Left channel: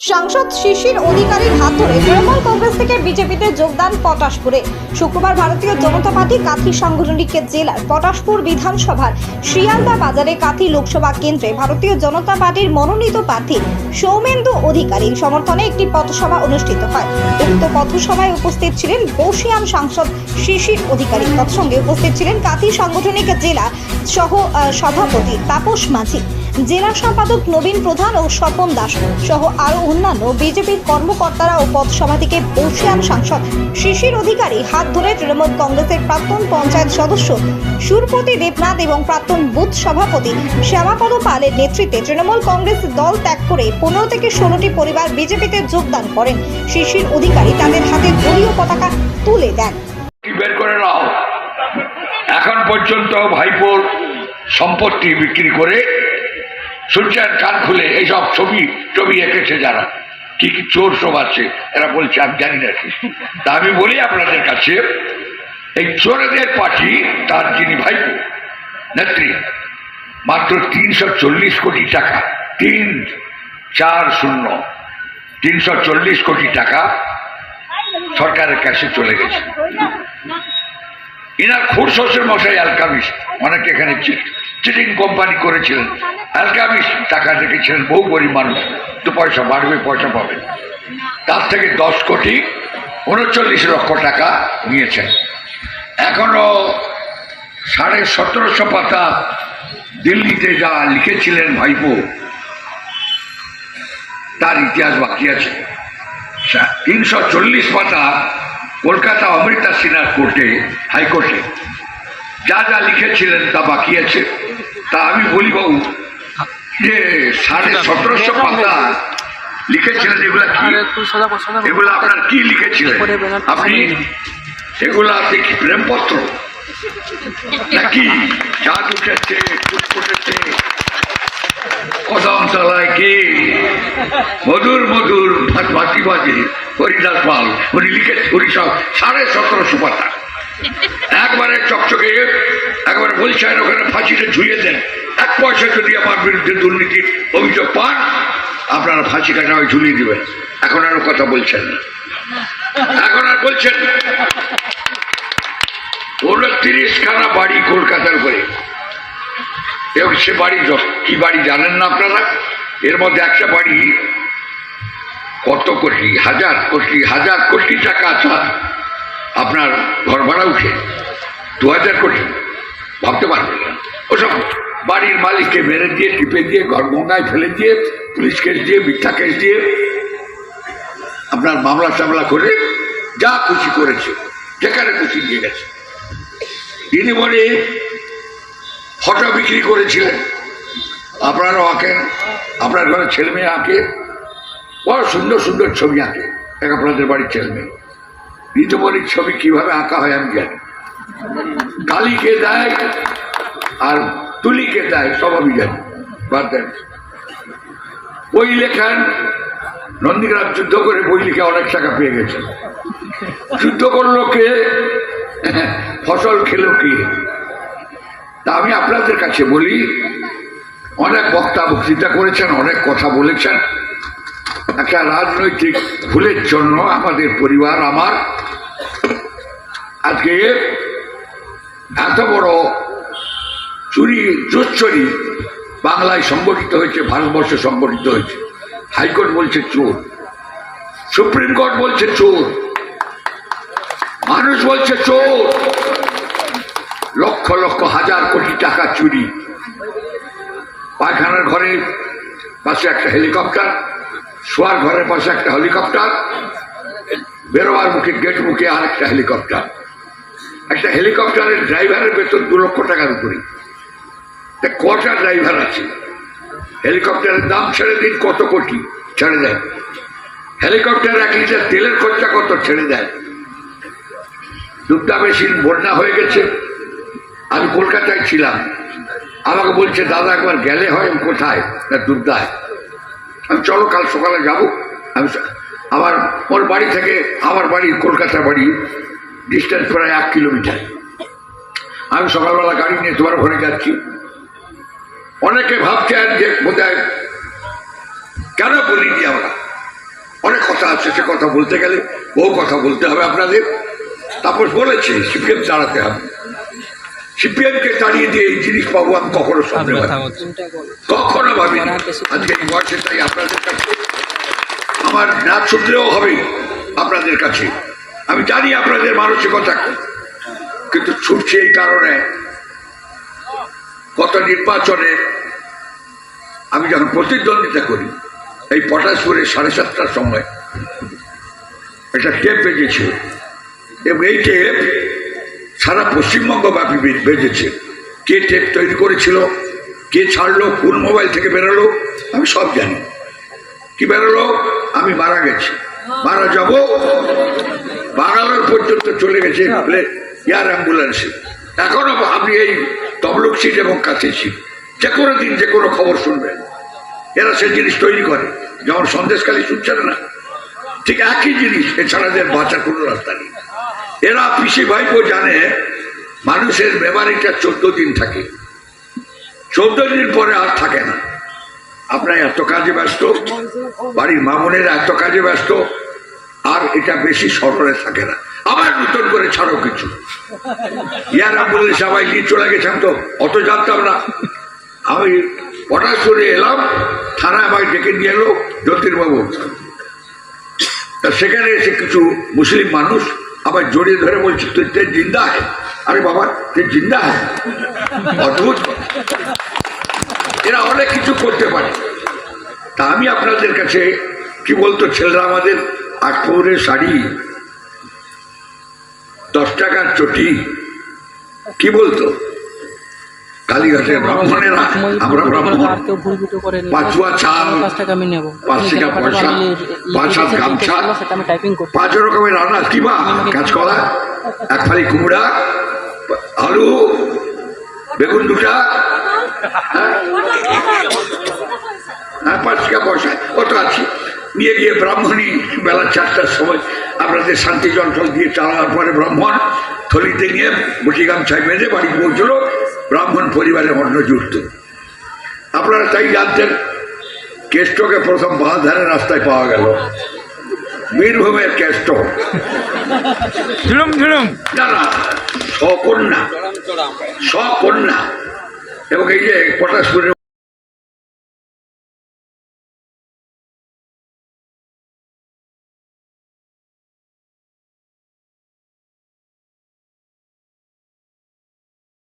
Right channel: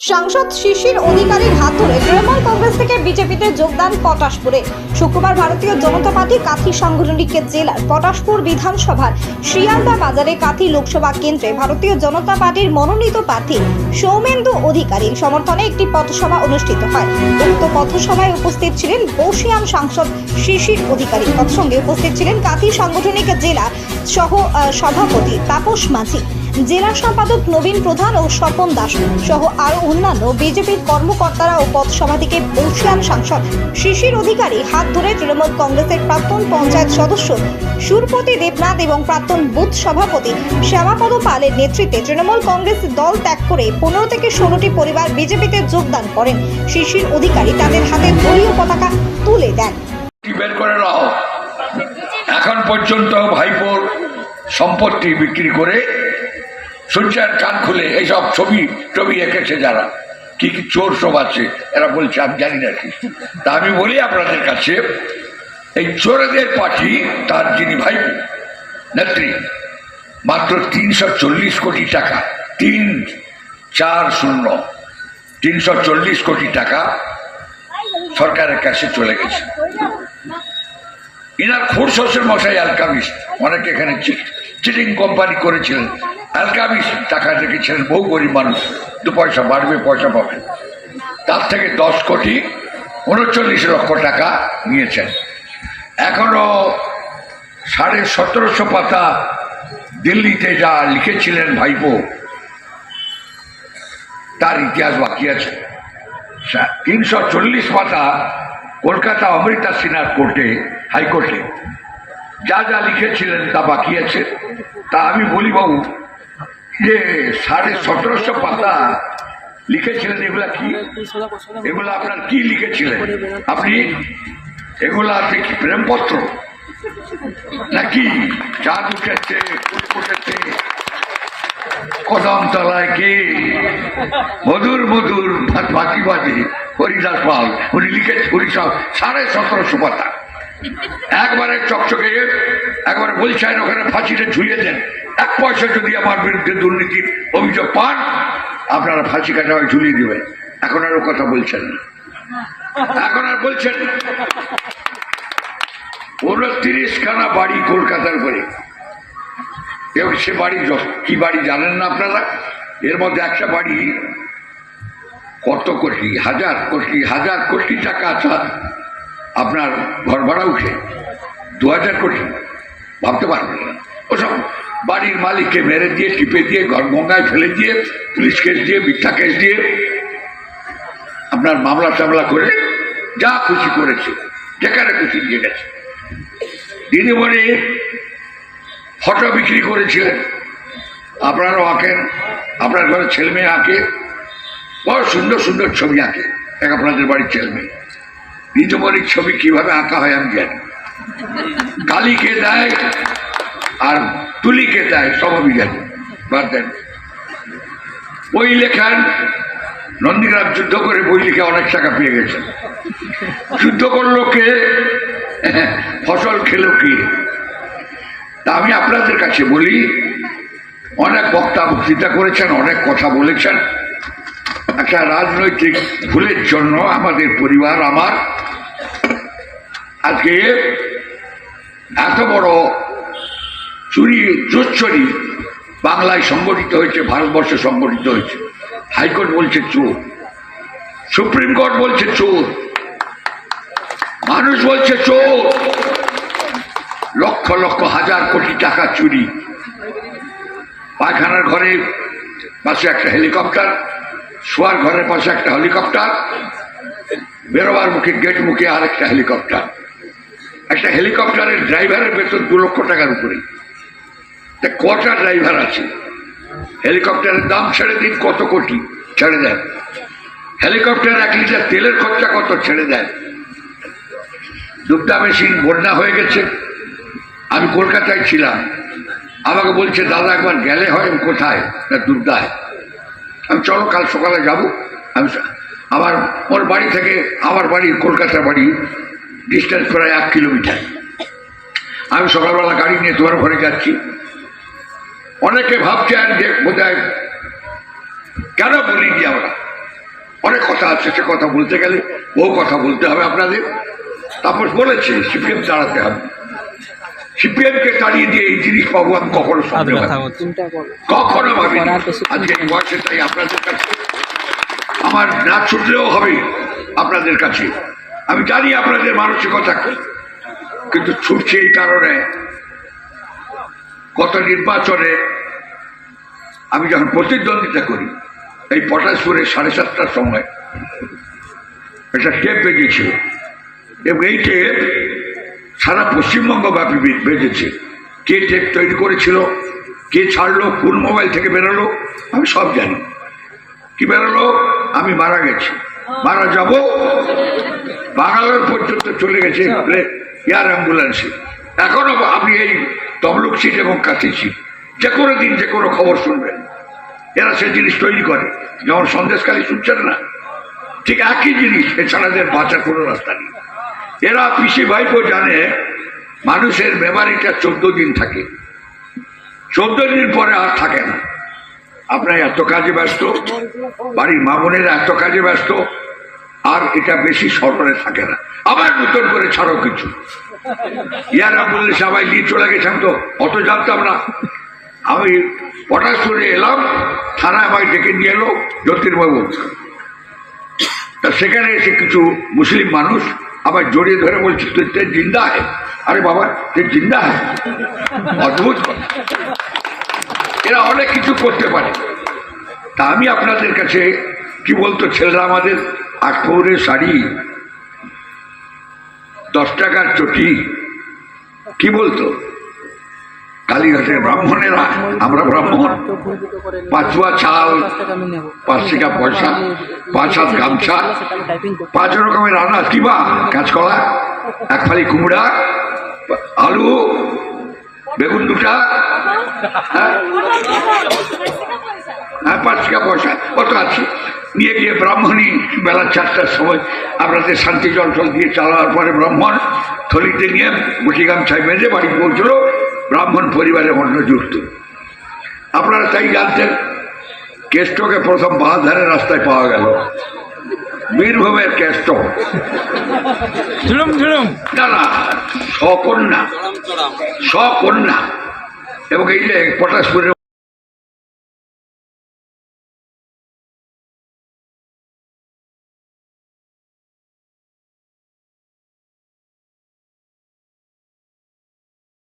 সাংসদ শিশির অধিকারীর হাত ধরে তৃণমূল কংগ্রেস থেকে বিজেপিতে যোগদান পটাশপুরে। শুক্রবার ভারতীয় জনতা পার্টি কাথি সাংগঠনিক জেলার পটাশপুর বিধানসভার শিয়ালদা বাজারে কাথি লোকসভা কেন্দ্রে ভারতীয় জনতা পার্টির মনোনীত প্রার্থী সৌমেন্দু অধিকারীর সমর্থনে একটি পথসভা অনুষ্ঠিত হয়। উক্ত পথসভায় উপস্থিত ছিলেন বসিয়ান সাংসদ শিশির অধিকারী। তৎসঙ্গে উপস্থিত ছিলেন কাথি সাংগঠনিক জেলা সহ সভাপতি তাপস মাঝি। জেলা সম্পাদক নবীন প্রধান ও স্বপন দাস সহ আরও অন্যান্য বিজেপির কর্মকর্তারা ও পথসভা থেকে বর্ষিয়ান সাংসদ শিশির অধিকারী হাত ধরে তৃণমূল কংগ্রেসের প্রাক্তন পঞ্চায়েত সদস্য সুরপতি দেবনাথ এবং প্রাক্তন বুথ সভাপতি শ্যামাপদ পালের নেতৃত্বে তৃণমূল কংগ্রেস দল ত্যাগ করে পনেরো থেকে ষোলোটি পরিবার বিজেপিতে যোগদান করেন। শিশির অধিকারী তাদের হাতে দলীয় পতাকা তুলে দেন। এখন পর্যন্ত ভাইপোর সম্পত্তি বিক্রি করে সূর্যের কান খুলে এইসব ছবি ছবি এঁকেছে যারা। কি কি চোর সব আছে, এরা বলছে, আমি জানি না কি। তা আমি বলি আপনাদের কাছে, এই চোরদের পার্টি তার যিনি ভাই, নেত্রী, মাত্র তিনশো চল্লিশ কোটি টাকা, তিন চার শূন্য, তিনশো চল্লিশ কোটি টাকা সরকারের কাছে চলে গেছে। এনার খুর শ্বশুর মশাই অ্যালকামিস অনেকে এখানে চিটিং কোম্পানি করেছিলেন। অ্যালকামিস টাকা রেখেছিলেন, বহু গরিব মানুষ। দু পয়সা বাড়বে, পয়সা পাবে। তার থেকে দশ কোটি, উনচল্লিশ লক্ষ টাকা নিয়েছেন। এখনও সাড়ে সতেরোশো পাতা দিল্লিতে যা লিখেছিলেন ভাইপো, তার ইতিহাস বাকি আছে। তিনশো চল্লিশ পাতা কলকাতা অমৃতা সিনহার কোর্টে, হাইকোর্টে। যা যা লিখেছিলেন তা বাকি আছে। তা আমি বলি, বাবু যে সাড়ে সতেরোশো পাতা লিখেছিলেন এগুলা কি? এগুলো আপনার কি লিখেছিলেন? আপনি এগুলো আপনি কি? প্রেমপত্র? নাকি চাঁদ উঠেছে ফুট ফুটেছে কদম তলায় কে? মধুর মধুর বাকি বাজে হরিদাস পাল উনি লিখে উনি সব সাড়ে সতেরোশো পাতা। একবারে চকচকে একবারে বলছেন ওখানে ফাঁসিটা ঝুলিয়ে দেন। এক পয়সা যদি আমার বিরুদ্ধে দুর্নীতির অভিযোগ পান, আপনারা ফাঁসি কাটা হয় ঝুলিয়ে দেবেন। এখন আরও কথা বলছেন এখন আর বলছেন উনত্রিশ খানা বাড়ি কলকাতার করে এবং সে বাড়ি কি বাড়ি জানেন না আপনারা? এর মধ্যে একটা বাড়ি কত কোটি, হাজার কোটি হাজার কোটি টাকা আছে। আপনার ঘর ভাড়া উঠে দু হাজার কোটি। ভাবতে পারবেন ওসব বাড়ির মালিককে মেরে দিয়ে, টিপে দিয়ে, ঘর গঙ্গায় ফেলে দিয়ে, পুলিশ কেস দিয়ে, মিথ্যা কেস দিয়ে আপনার মামলা টামলা করে যা খুশি করেছে, যেখানে খুশি দিয়ে গেছে। দিদিমণি ফটো বিক্রি করেছিলেন। আপনারাও আঁকেন আপনার ঘরে ছেলে মেয়ে আঁকে, বড় সুন্দর সুন্দর ছবি আঁকে, এক আপনাদের বাড়ির ছেলে মেয়ে। ঋতুমণির ছবি কীভাবে আঁকা হয় আমি জানি কালীকে দেয় আর তুলিকে দেয়, সব আমি জানি, বাদ দেন। বই লেখান নন্দীগ্রাম যুদ্ধ করে বই লিখে অনেক টাকা পেয়ে গেছে। যুদ্ধ করল কে? ফসল খেলো কে? তা আমি আপনাদের কাছে বলি, অনেক বক্তা বক্তৃতা করেছেন, অনেক কথা বলেছেন। একটা রাজনৈতিক ভুলের জন্য আমাদের পরিবার, আমার, আজকে এত বড় চুরি জোচ্চুরি বাংলায় সংগঠিত হয়েছে, ভারতবর্ষে সংগঠিত হয়েছে। হাইকোর্ট বলছে চোর। সুপ্রিম কোর্ট বলছে চোর। মানুষ বলছে চোর। লক্ষ লক্ষ হাজার কোটি টাকা চুরি। পায়খানার ঘরে পাশে একটা হেলিকপ্টার, শোয়ার ঘরের পাশে একটা হেলিকপ্টার, বেরোবার মুখে গেট মুখে আর একটা হেলিকপ্টার। একটা হেলিকপ্টারের ড্রাইভারের বেতন দু লক্ষ টাকার উপরে কটা ড্রাইভার আছে। হেলিকপ্টারের দাম ছেড়ে দিন কত কোটি? ছেড়ে দেন। হেলিকপ্টার এক লিটার তেলের খরচা কত? ছেড়ে দেয় দুধটা মেশিন বন্যা হয়ে গেছে। আমি কলকাতায় ছিলাম। আমাকে বলছে, দাদা, একবার গেলে হয় কোথায়? না দুর্গা আমি চলো, কাল সকালে যাব। আমি আমার, ওর বাড়ি থেকে আমার বাড়ি কলকাতা বাড়ি ডিস্টেন্স প্রায় এক কিলোমিটার আমি সকালবেলা গাড়ি নিয়ে তোমার ঘরে যাচ্ছি। অনেকে ভাবছেন যে বোধহয় কেন বলিনি আমরা? অনেক কথা আছে সে কথা বলতে গেলে বহু কথা বলতে হবে আপনাদের। তারপর বলেছে সিপিএম তাড়াতে হবে। সিপিএম কে তাড়িয়ে দিয়ে এই জিনিস পাবো আমি কখনো কখনো বেশি আজকে এই বয়সে তাই আপনাদের কাছে। আমার না ছুটলেও হবে আপনাদের কাছে। আমি জানি আপনাদের মানসিকতা কিন্তু ছুটছে এই কারণে গত নির্বাচনে আমি যখন প্রতিদ্বন্দ্বিতা করি এই পটাশপুরের সাড়ে সাতটার সময় একটা টেপ বেজেছিল এবং এই টেপ সারা পশ্চিমবঙ্গ ব্যাপী বেজেছে। কে টেপ তৈরি করেছিল কে ছাড়লো কোন মোবাইল থেকে বেরোলো আমি সব জানি। কি বেরোলো? আমি মারা গেছি। মারা যাব? বাঙালোর পর্যন্ত চলে গেছে এয়ার অ্যাম্বুলেন্সে। এখনও আপনি এই তমলুক সিট এবং কাছে সিট। যে কোনো দিন যে কোনো খবর শুনবেন। এরা সেই জিনিস তৈরি করে। যেমন সন্দেশকালী শুনছেন না? ঠিক একই জিনিস এছাড়া এদের বাঁচার কোনো রাস্তা নেই। এরা পিসি ভাইপো জানে, মানুষের মেমারিটা চোদ্দ দিন থাকে। চোদ্দ দিন পরে আর থাকে না। আপনার এত কাজে ব্যস্ত, বাড়ির মামুনের এত কাজে ব্যস্ত, আর এটা বেশি স্মরণে থাকে না। আবার নতুন করে ছাড়ো কিছু। ইয়ারা বললে সবাই নিয়ে চলে গেছেন তো, অত জানতাম না। আমি হঠাৎ করে এলাম, থানায় আমায় ডেকে নিয়ে এলো জ্যোতির্বাবু। তা সেখানে এসে কিছু মুসলিম মানুষ আবার জড়িয়ে ধরে বলছি তুই তে জিন্দা है আরে বাবা তুই জিন্দা है অদ্ভুত। এরা অনেক কিছু করতে পারে। তা আমি আপনাদের কাছে কি বলতো, ছেলেরা আমাদের আট শাড়ি দশ টাকার চটি। কি বলতো? কালীঘাটের ব্রাহ্মণেরা আমরা ব্রাহ্মণ। পাঁচুয়া চাল, পাঁচ টাকা পয়সা, পাঁচ হাত গামছা, পাঁচ রকমের রান্না কিবা কাঁচকলা এক ফালি কুমড়া আলু বেগুন দুটা হ্যাঁ? হ্যাঁ পাঁচ পয়সা। কত আছে। নিয়ে গিয়ে ব্রাহ্মণী বেলা চারটার সময় আপনাদের শান্তি জল টল দিয়ে চালাবার পরে ব্রাহ্মণ থলিতে নিয়ে মুঠি গামছায় বেঁধে বাড়ি পৌঁছলো ব্রাহ্মণ পরিবারে অন্ন জুড়ত আপনারা তাই জানতেন কেষ্টকে প্রথম ধারে রাস্তায় পাওয়া গেল। বীরভূমের কেষ্ট। না না সকন্যা সকন্যা এবং এই যে পটাশপুরের